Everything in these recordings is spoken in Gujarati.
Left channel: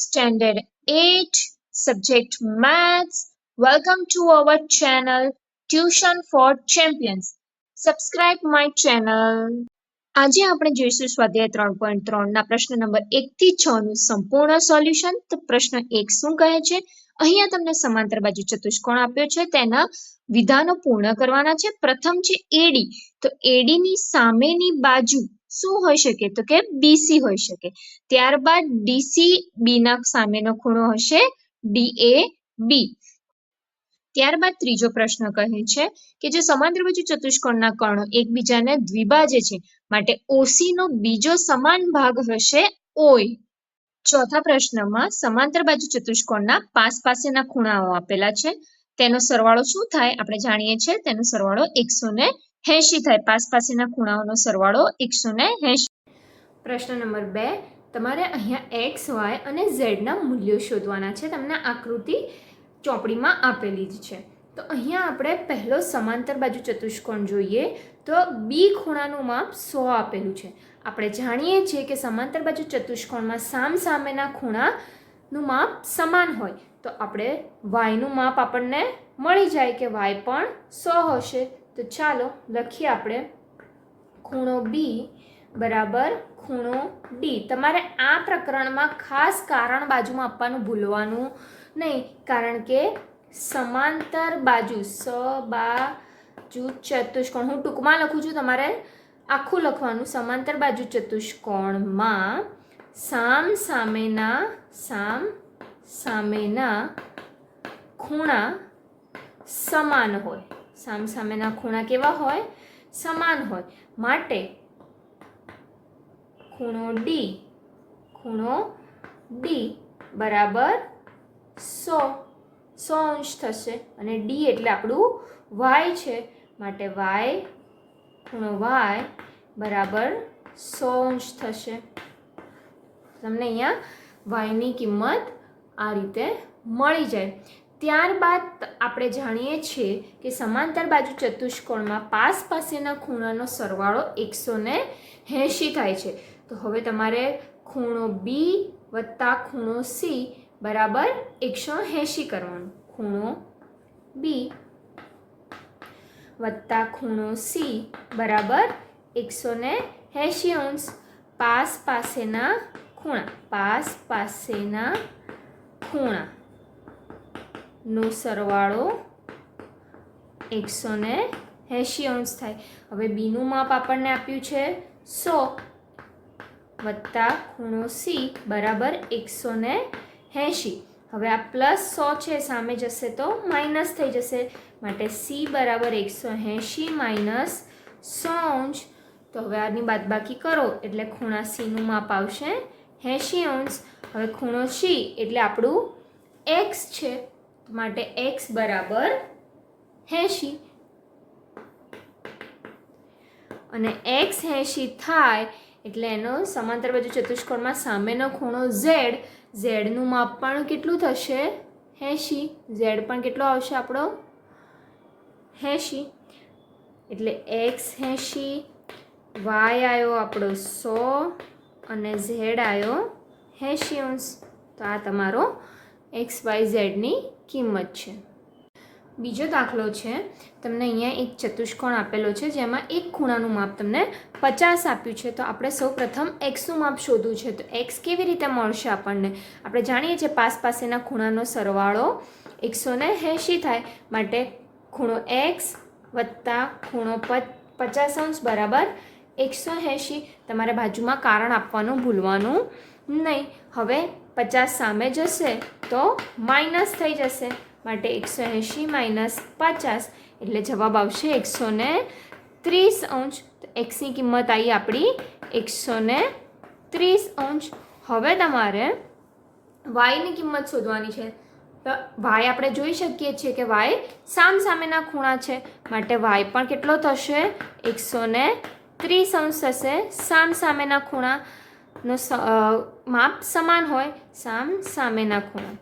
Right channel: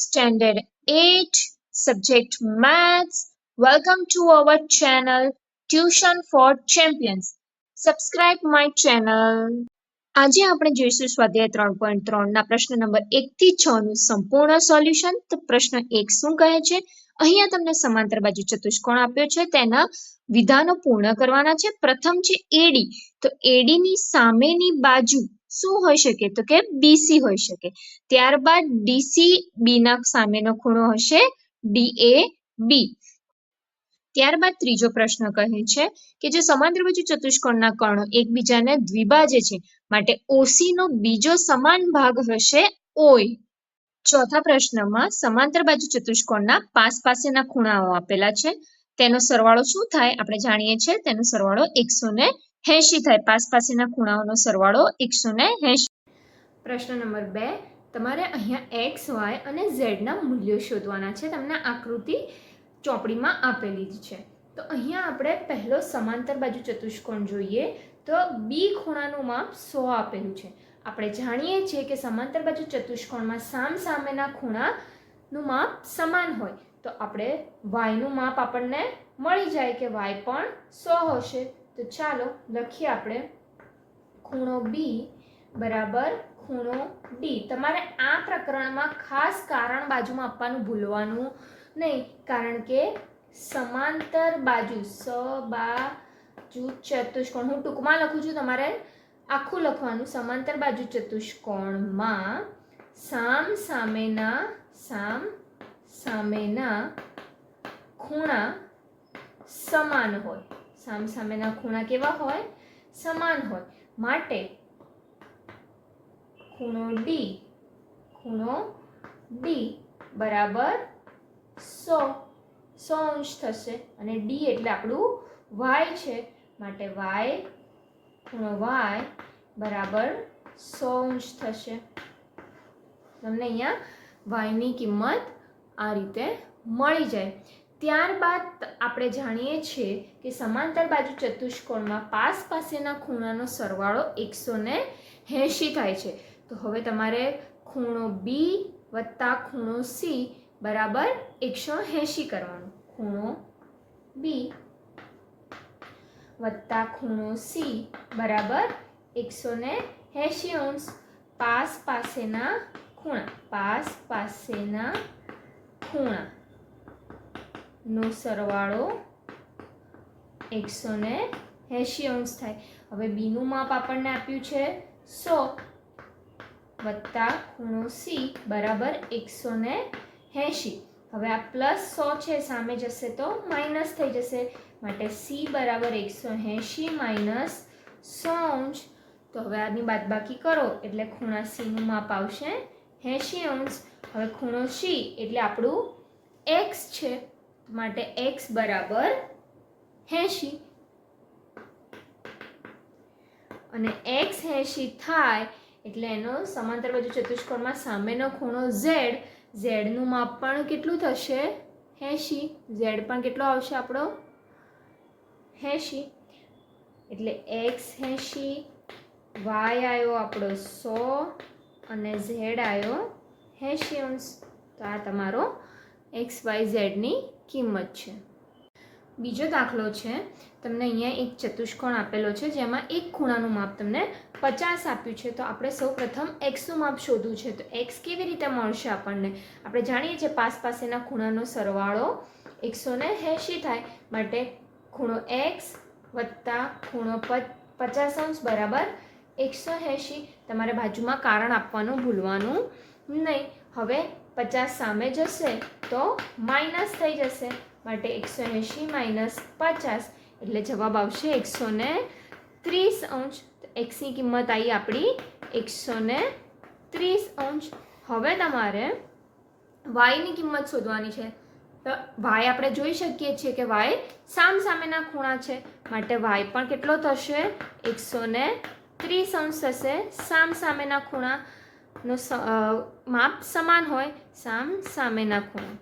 Standard 8, Subject Maths. Welcome to our channel Tuition for Champions. Subscribe my channel. આજે આપણે જોઈશું સ્વાધ્યાય 3.3 ના પ્રશ્ન નંબર 1 થી 6 નું સંપૂર્ણ સોલ્યુશન. તો પ્રશ્ન 1 શું કહે છે? અહીંયા તમને સમાંતર બાજુ ચતુષ્કોણ આપ્યો છે, તેના વિધાનો પૂર્ણ કરવાના છે. પ્રથમ છે એડી, તો એડી ની સામેની બાજુ શું હોઈ શકે? તો કે બીસી હોઈ શકે. ત્યારબાદ ડીસી બી ના સામેનો ખૂણો હશે ડીએબી. ત્યારબાદ ત્રીજો પ્રશ્ન કહે છે કે જે સમાંતર બાજુ ચતુષ્કોણના કર્ણો એકબીજાને દ્વિભાજે છે, માટે ઓસી નો બીજો સમાન ભાગ હશે ઓય. ચોથા પ્રશ્નમાં સમાંતર બાજુ ચતુષ્કોણના પાસ પાસેના ખૂણાઓ આપેલા છે, તેનો સરવાળો શું થાય? આપણે જાણીએ છીએ તેનો સરવાળો 180 થાય. પાસ પાસેના ખૂણાઓનો સરવાળો 180. પ્રશ્ન નંબર 2, તમારે અહીંયા એક્સ, વાય અને ઝેડ ના મૂલ્યો શોધવાના છે. તમને આકૃતિ ચોપડીમાં આપેલી જ છે. તો અહીંયા આપણે પહેલો સમાંતર બાજુ ચતુષ્કોણ જોઈએ તો બી ખૂણાનું માપ 100 આપેલું છે. આપણે જાણીએ છીએ કે સમાંતર બાજુ ચતુષ્કોણમાં સામસામેના ખૂણાનું માપ સમાન હોય, તો આપણે વાયનું માપ આપણને મળી જાય કે વાય પણ 100 હશે. તો ચાલો લખીએ આપણે ખૂણો બી બરાબર ખૂણો ડી. તમારે આ પ્રકરણમાં ખાસ કારણ બાજુમાં આપવાનું ભૂલવાનું નહીં, કારણ કે સમાંતર બાજુ બાજુ ચતુષ્કોણ, હું ટૂંકમાં લખું છું, તમારે આખું લખવાનું. સમાંતર બાજુ ચતુષ્કોણમાં સામસામેના ખૂણા સમાન હોય. સામસામેના ખૂણા કેવા હોય? સમાન હોય. માટે ખૂણો ડી બરાબર 100 અંશ થશે, અને ડી એટલે આપણું વાય છે, માટે ખૂણો વાય બરાબર 100 અંશ થશે. તમને અહીંયા વાયની કિંમત આ રીતે મળી જાય. ત્યારબાદ આપણે જાણીએ છીએ કે સમાંતર બાજુ ચતુષ્કોણમાં પાસ પાસેના ખૂણાનો સરવાળો 180 થાય છે. તો હવે તમારે ખૂણો બી વત્તા ખૂણો સી બરાબર 180 કરવાનું. ખૂણો બી વત્તા ખૂણો સી બરાબર 180 અંશ. પાસ પાસેના ખૂણાનો સરવાળો 180 અંશ થાય. હવે બીનું માપ આપણને આપ્યું છે 100 વત્તા ખૂણો સી બરાબર 180. હવે આ પ્લસ 100 છે, સામે જશે તો માઇનસ થઈ જશે, માટે સી બરાબર 180 માઇનસ 100 અંશ. તો હવે આની બાદબાકી કરો એટલે ખૂણા સીનું માપ આવશે 80 અંશ. હવે ખૂણો સી એટલે આપણું એક્સ છે, માટે એક્સ બરાબર 80, અને એક્સ 80 થાય એટલે એનો સમાંતર બાજુ ચતુષ્કોણમાં સામેનો ખૂણો ઝેડ, ઝેડનું માપ પણ કેટલું થશે? 80. ઝેડ પણ કેટલો આવશે આપણો? 80. એટલે એક્સ 80, વાય આવ્યો આપણો 100 અને ઝેડ આવ્યો 80 અંશ. તો આ તમારો એક્સ વાય ઝેડની કિંમત છે. બીજો દાખલો છે, તમને અહીંયા એક ચતુષ્કોણ આપેલો છે જેમાં એક ખૂણાનું માપ તમને 50 આપ્યું છે. તો આપણે સૌ પ્રથમ એક્સનું માપ શોધવું છે. તો એક્સ કેવી રીતે મળશે આપણને? આપણે જાણીએ છીએ પાસ પાસેના ખૂણાનો સરવાળો 180 થાય, માટે ખૂણો એક્સ વત્તા ખૂણો 50 અંશ બરાબર 180. તમારે બાજુમાં કારણ આપવાનું ભૂલવાનું નહીં. હવે 50 સામે જશે તો માઇનસ થઈ જશે, માટે 180 માઇનસ 50 એટલે જવાબ આવશે 130 અંશ. તો એક્સની કિંમત આવી આપણી 130 અંશ. હવે તમારે વાયની કિંમત શોધવાની છે. તો વાય આપણે જોઈ શકીએ છીએ કે વાય સામેના ખૂણા છે, માટે વાય પણ કેટલો થશે? 130 અંશ થશે. સામેના ખૂણાનો માપ સમાન હોય, સામેના ખૂણા.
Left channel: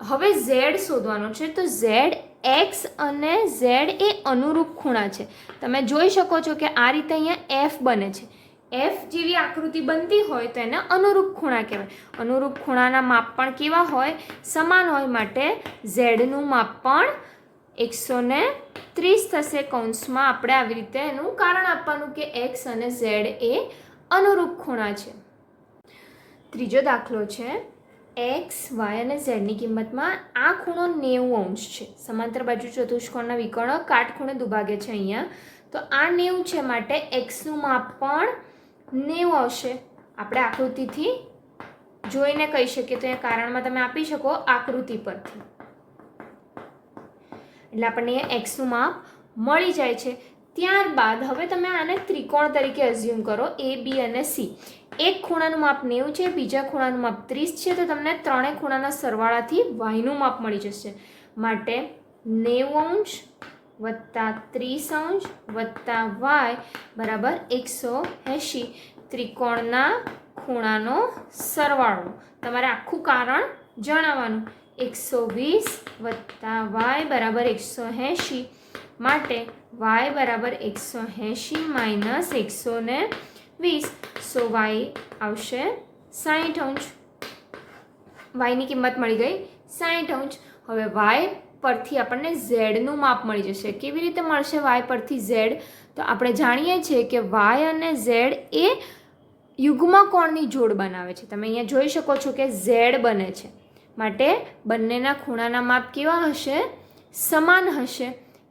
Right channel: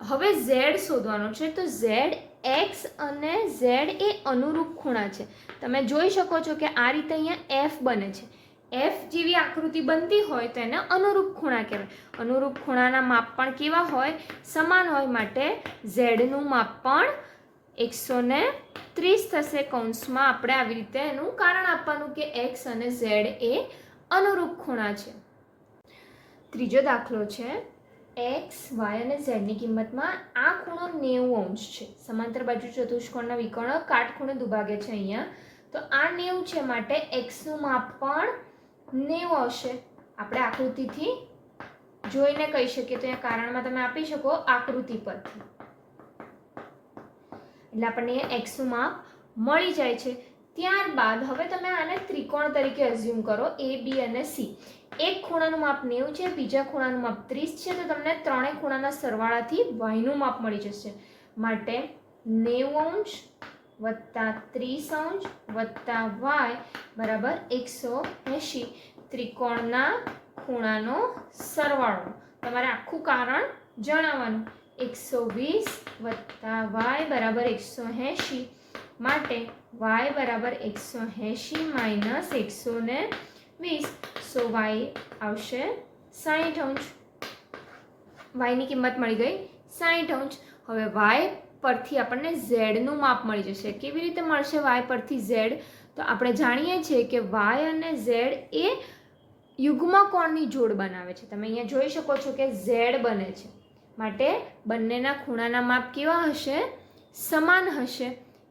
હવે ઝેડ શોધવાનો છે. તો ઝેડ એક્સ અને ઝેડ એ અનુરૂપ ખૂણા છે. તમે જોઈ શકો છો કે આ રીતે અહીંયા એફ બને છે. એફ જેવી આકૃતિ બનતી હોય તો એને અનુરૂપ ખૂણા કહેવાય. અનુરૂપ ખૂણાના માપ પણ કેવા હોય? સમાન હોય. માટે ઝેડનું માપ પણ 130 થશે. કૌંસમાં આપણે આવી રીતે એનું કારણ આપવાનું કે એક્સ અને ઝેડ એ અનુરૂપ ખૂણા છે. ત્રીજો દાખલો છે, એક્સ, વાય અને ઝેડની કિંમતમાં આ ખૂણો 90 છે. સમાંતર બાજુ ચતુષ્કોણના વિકર્ણ કાટખૂણે દુભાગે છે અહીંયા. તો આ 90 છે, માટે એક્સનું માપ પણ 90 આવશે. આપણે આકૃતિથી જોઈને કહી શકીએ. તો એ કારણમાં તમે આપી શકો આકૃતિ પરથી. એટલે આપણને એક્સનું માપ મળી જાય છે. ત્યારબાદ હવે તમે આને ત્રિકોણ તરીકે અઝ્યુમ કરો, એ બી અને સી. એક ખૂણાનું માપ 90 છે, બીજા ખૂણાનું માપ 30 છે. તો તમને ત્રણેય ખૂણાના સરવાળાથી વાયનું માપ મળી જશે. માટે 90° વત્તા 30° વત્તા વાય બરાબર 180. ત્રિકોણના ખૂણાનો સરવાળો તમારે આખું કારણ જણાવવાનું. 120 વત્તા વાય બરાબર 180. માટે વાય બરાબર 180 માઇનસ 120. સો વાય આવશે 60°. વાયની કિંમત મળી ગઈ 60°. હવે વાય પરથી આપણને ઝેડનું માપ મળી જશે. કેવી રીતે મળશે વાય પરથી ઝેડ? તો આપણે જાણીએ છીએ કે વાય અને ઝેડ એ યુગ્મ કોણની જોડ બનાવે છે. તમે અહીંયા જોઈ શકો છો કે ઝેડ બને છે. માટે બંનેના ખૂણાના માપ કેવા હશે? સમાન હશે.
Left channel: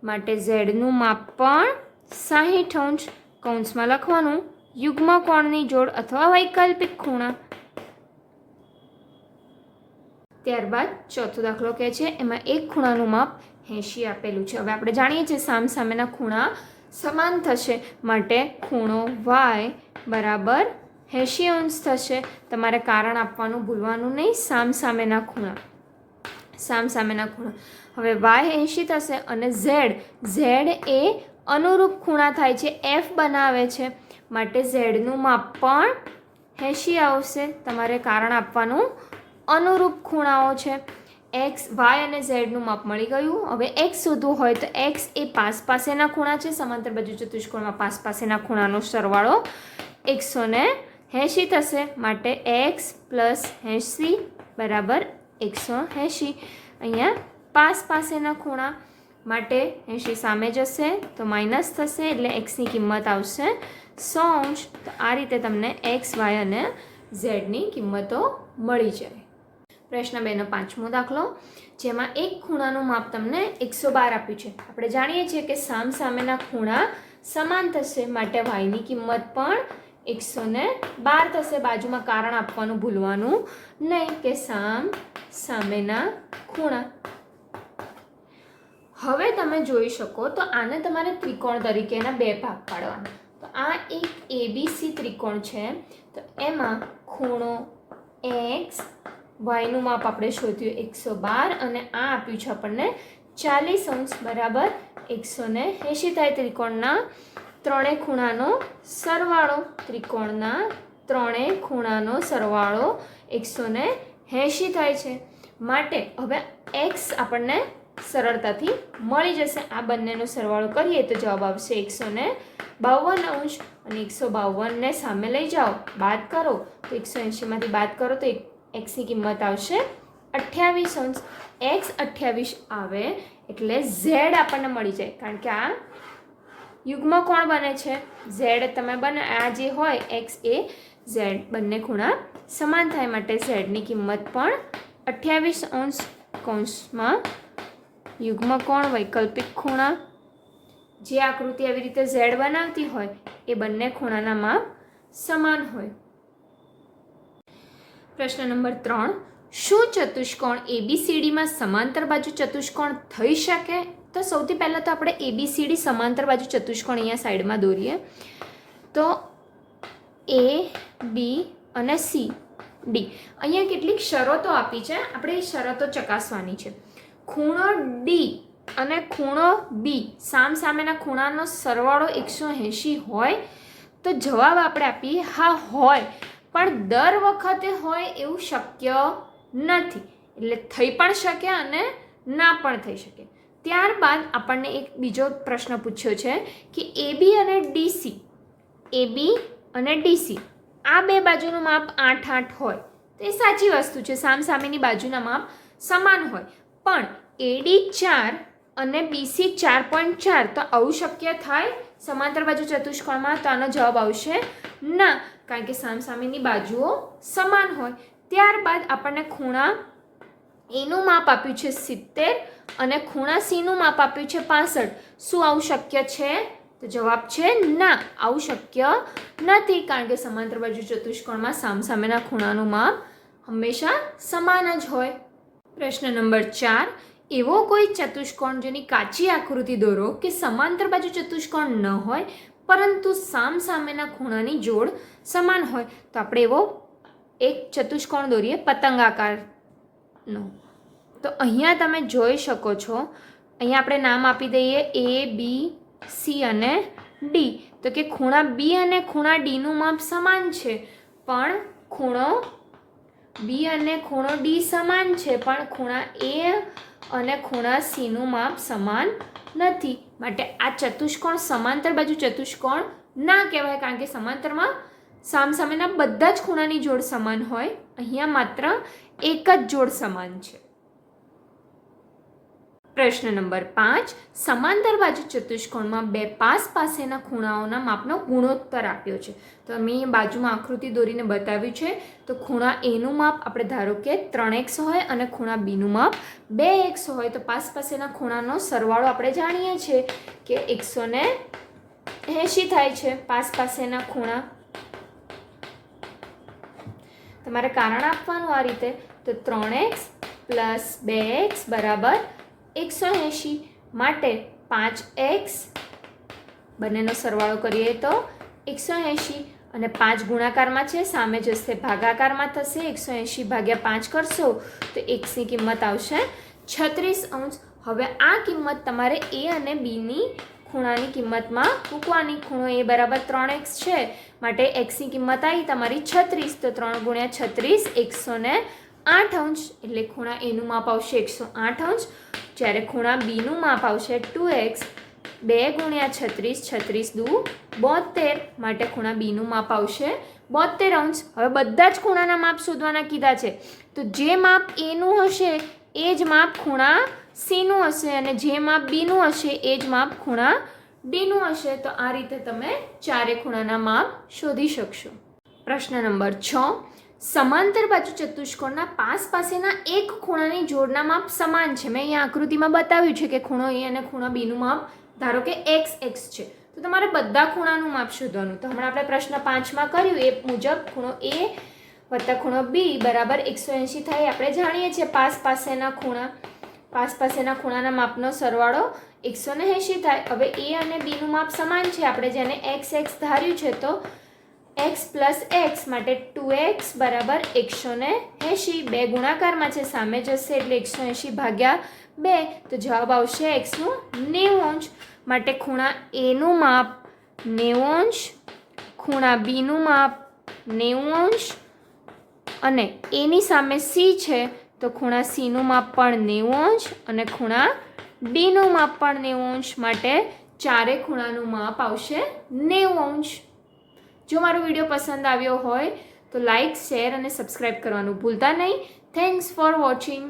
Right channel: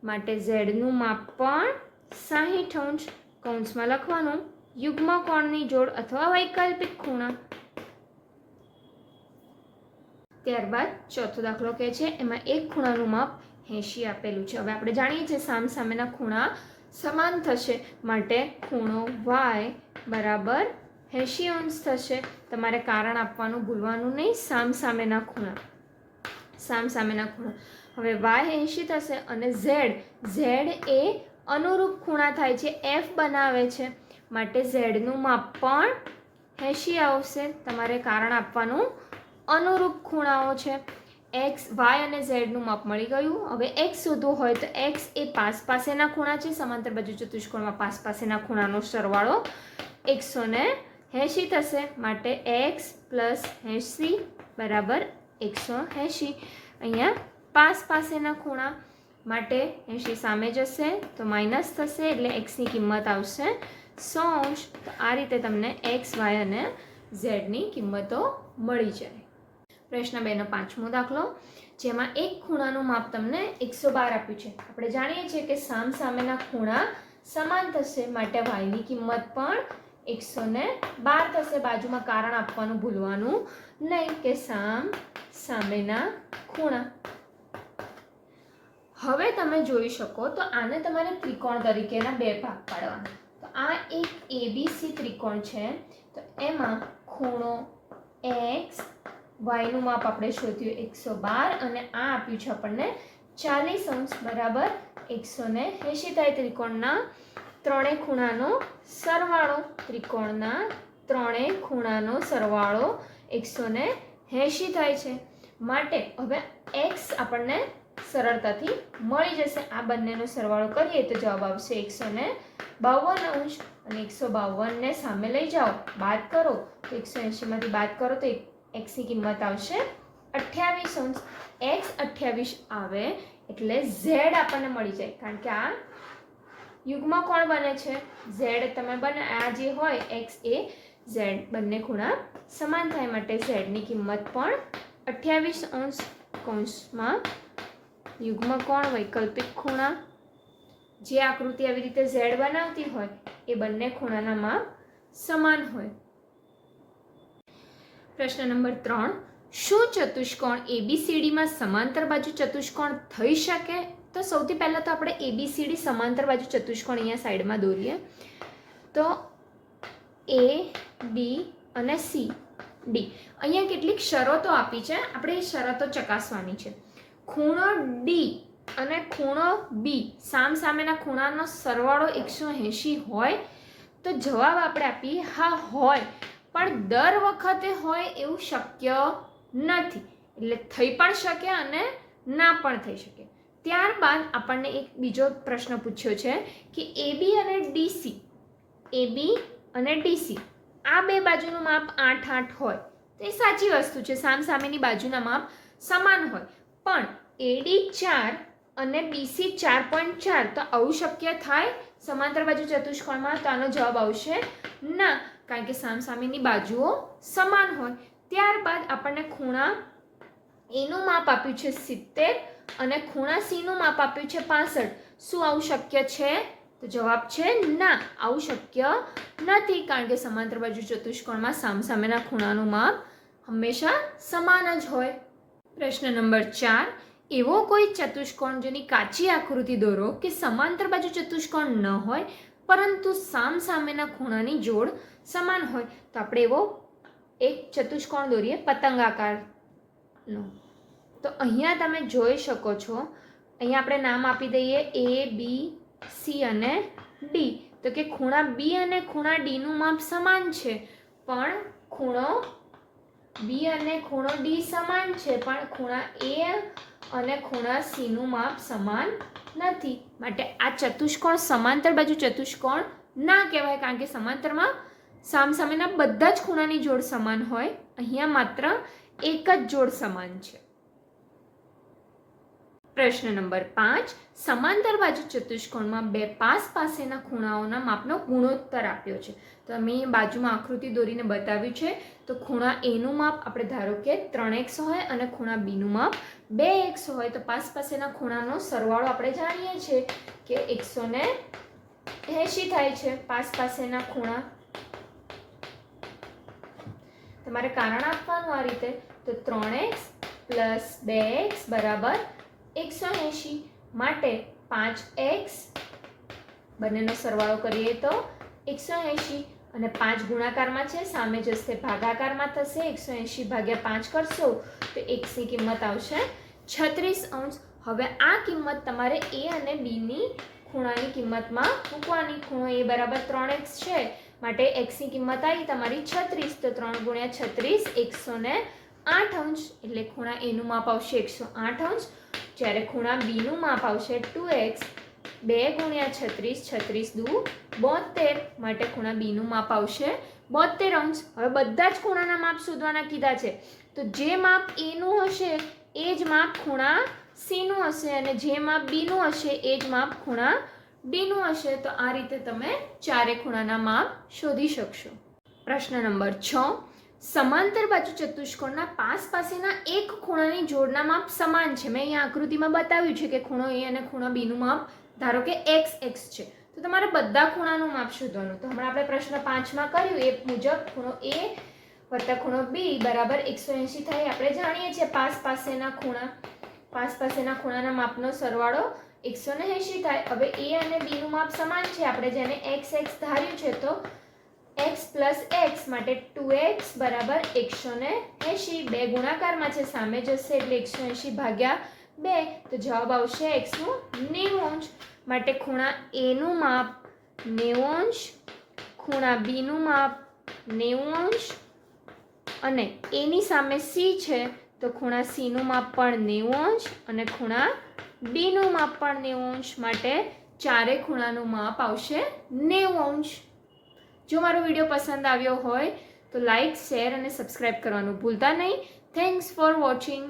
માટે ઝેડનું માપ પણ 60°. કૌંસમાં લખવાનું યુગ્મ કોણની જોડ અથવા વૈકલ્પિક ખૂણા. ત્યારબાદ ચોથો દાખલો કહે છે, એમાં એક ખૂણાનું માપ 80 આપેલું છે. હવે આપણે જાણીએ છીએ સામસામેના ખૂણા સમાન થશે. માટે ખૂણો વાય બરાબર 80° થશે. તમારે કારણ આપવાનું ભૂલવાનું નહીં. સામસામેના ખૂણા. હવે વાય 80 થશે અને ઝેડ એ અનુરૂપ ખૂણા થાય છે, એફ બનાવે છે. માટે ઝેડનું માપ પણ 80 આવશે. તમારે કારણ આપવાનું અનુરૂપ ખૂણાઓ છે. એક્સ, વાય અને ઝેડનું માપ મળી ગયું. હવે એક્સ શોધવું હોય તો એક્સ એ પાસેના ખૂણા છે. સમાંતર બાજુ ચતુષ્કોણમાં પાસેના ખૂણાનો સરવાળો 180 થશે. માટે એક્સ પ્લસ 80 બરાબર 180. અહીંયા પાસેના ખૂણા માટે 80 સામે જશે તો માઇનસ થશે, એટલે એક્સની કિંમત આવશે 100°. તો આ રીતે તમને એક્સ, વાય અને ઝેડની કિંમતો મળી જાય. પ્રશ્ન 2નો 5મો દાખલો, જેમાં એક ખૂણાનું માપ તમને 112 આપ્યું છે. આપણે જાણીએ છીએ કે સામસામેના ખૂણા સમાન થશે. માટે વાયની કિંમત પણ 112 થશે. બાજુમાં કારણ આપવાનું ભૂલવાનું નહીં કે સામેના ખૂણા. હવે તમે જોઈ શકો તો આને તમારે ત્રિકોણ તરીકેના બે ભાગ પાડવાના. તો આ એક એબીસી ત્રિકોણ છે. તો એમાં ખૂણો એક્સ, વાયનું માપ આપણે શોધ્યું 112 અને આ આપ્યું છે આપણને 40° બરાબર 180 થાય. ત્રિકોણના ત્રણેય ખૂણાનો સરવાળો. ત્રિકોણના ત્રણેય ખૂણાનો સરવાળો 180 થાય છે. માટે હવે એક્સ આપણને સરળતાથી મળી જશે. આ બંનેનો સરવાળો કરીએ તો જવાબ આવશે 152° અને 152ને સામે લઈ જાઓ, બાદ કરો તો 180માંથી બાદ કરો તો એક્સની કિંમત આવશે 28°. એક્સ 28 આવે એટલે ઝેડ આપણને મળી જાય, કારણ કે આ યુગ્મ કોણ બને છે? ઝેડ તમે બને. આ જે હોય એક્સ એ ઝેડ બંને ખૂણા સમાન થાય. માટે ઝેડની કિંમત પણ 28°. કૌંસમાં યુગ્મ કોણ, વૈકલ્પિક ખૂણા. જે આકૃતિ આવી રીતે ઝેડ બનાવતી હોય એ બંને ખૂણાના માપ સમાન હોય. પ્રશ્ન નંબર 3, શું ચતુષ્કોણ એબીસીડીમાં સમાંતર બાજુ ચતુષ્કોણ થઈ શકે? તો સૌથી પહેલાં તો આપણે એબીસીડી સમાંતર બાજુ ચતુષ્કોણ અહીંયા સાઈડમાં દોરીએ. તો એ, બી અને સી, ડી. અહીંયા કેટલીક શરતો આપી છે, આપણે એ શરતો ચકાસવાની છે. ખૂણો ડી અને ખૂણો બી સામસામેના ખૂણાનો સરવાળો 180 હોય તો જવાબ આપણે આપીએ હા હોય, પણ દર વખતે હોય એવું શક્ય નથી. એટલે થઈ પણ શકે અને ના પણ થઈ શકે. ત્યારબાદ આપણને એક બીજો પ્રશ્ન પૂછ્યો છે કે એબી અને ડીસી, એબી અને ડીસી આ બે બાજુનું માપ 8 8 હોય તો એ સાચી વસ્તુ છે, સામસામેની બાજુના માપ સમાન હોય. પણ એડી 4 અને બીસી 4.4 તો આવું શક્ય થાય સમાંતર બાજુ ચતુષ્કોણમાં? તો આનો જવાબ આવશે ના, કારણ કે સામસામેની બાજુઓ સમાન હોય. ત્યારબાદ આપણને ખૂણા એનું માપ આપ્યું છે 70 અને ખૂણા સીનું માપ આપ્યું છે 65. શું આવું શક્ય છે? તો જવાબ છે ના, આવું શક્ય નથી, કારણ કે સમાંતર બાજુ ચતુષ્કોણમાં સામસામેના ખૂણાનું માપ હંમેશા સમાન જ હોય. પ્રશ્ન નંબર 4, એવો કોઈ ચતુષ્કોણ જેની કાચી આકૃતિ દોરો કે સમાંતર બાજુ ચતુષ્કોણ ન હોય પરંતુ સામસામેના ખૂણાની જોડ સમાન હોય. તો આપણે એવો એક ચતુષ્કોણ દોરીએ પતંગાકારનો. તો અહીંયા તમે જોઈ શકો છો, અહીંયા આપણે નામ આપી દઈએ A, B, C અને D. તો કે ખૂણા B અને ખૂણા D નું માપ સમાન છે, પણ ખૂણો B અને ખૂણો D સમાન છે, પણ ખૂણા A અને ખૂણા C નું માપ સમાન નથી. માટે આ ચતુષ્કોણ સમાંતર બાજુ ચતુષ્કોણ ના કહેવાય, કારણ કે સમાંતરમાં સામસામેના બધા જ ખૂણાની જોડ સમાન હોય. અહીંયા માત્ર એક જ જોડ સમાન છે. પ્રશ્ન નંબર 5, સમાંતર બાજુ ચતુષ્કોણમાં બે પાસ પાસેના ખૂણાઓના માપનો ગુણોત્તર આપ્યો છે. તો મેં બાજુમાં આકૃતિ દોરીને બતાવ્યું છે. તો ખૂણા A નું માપ આપણે ધારો કે 3x હોય અને ખૂણા B નું માપ 2x હોય. તો પાસ પાસેના ખૂણાનો સરવાળો આપણે જાણીએ છીએ કે 180 થાય છે. પાસ પાસેના ખૂણા તમારે કારણ આપવાનું આ રીતે. તો 3x + 2x બરાબર 180. માટે 5x બંનેનો સરવાળો કરીએ તો 180 અને 5 ગુણાકારમાં છે, સામે જશે ભાગાકારમાં થશે. 180 ભાગ્યા 5 કરશો તો x ની કિંમત આવશે 36°. હવે આ કિંમત તમારે A અને B ની ખૂણાની કિંમતમાં મૂકવાની. ખૂણો A બરાબર 3x છે, માટે x ની કિંમત આવી તમારી 36. તો 3 × 36 108°. એટલે ખૂણા A નું માપ આવશે 108°, જ્યારે ખૂણા B નું માપ આવશે 2x. 2 × 36 36 દુ 72, માટે ખૂણા B નું માપ આવશે 72°. હવે બધા જ ખૂણાના માપ શોધવાના કીધા છે. તો જે માપ A નું હશે એ જ માપ ખૂણા C નું હશે, અને જે માપ B નું હશે એ જ માપ ખૂણા D નું હશે. તો આ રીતે તમે ચારે ખૂણાના માપ શોધી શકશો. પ્રશ્ન નંબર 6, સમાંતર બાજુ ચતુષ્કોણના પાસ પાસેના એક ખૂણાની જોડના માપ સમાન છે. મેં અહીંયા આકૃતિમાં બતાવ્યું છે કે ખૂણો A અને ખૂણા B નું માપ ધારો કે x છે. તો તમારે બધા ખૂણાનું માપ શોધવાનું. તો હમણાં આપણે પ્રશ્ન 5માં કર્યું એ મુજબ ખૂણો A વત્તા ખૂણો B બરાબર 180 થાય. આપણે જાણીએ છીએ પાસ પાસેના ખૂણાના માપનો સરવાળો 180 થાય. હવે A અને B નું માપ સમાન છે, આપણે જેને x ધાર્યું છે. તો x + x માટે 2x બરાબર 180. 2 ગુણાકારમાં છે, સામે જશે એટલે 180 ભાગ્યા 2. તો જવાબ આવશે x નું 90°. માટે ખૂણા A નું માપ 90°, ખૂણા B નું માપ 90°, અને A ની સામે C છે તો ખૂણા C નું માપ પણ 90°, અને ખૂણા D નું માપ પણ 90°. માટે ચારે ખૂણાનું માપ આવશે 90°. જો મારો વિડીયો પસંદ આવ્યો હોય તો લાઈક, શેર અને સબસ્ક્રાઈબ કરવાનું ભૂલતા નહીં. Thanks for watching.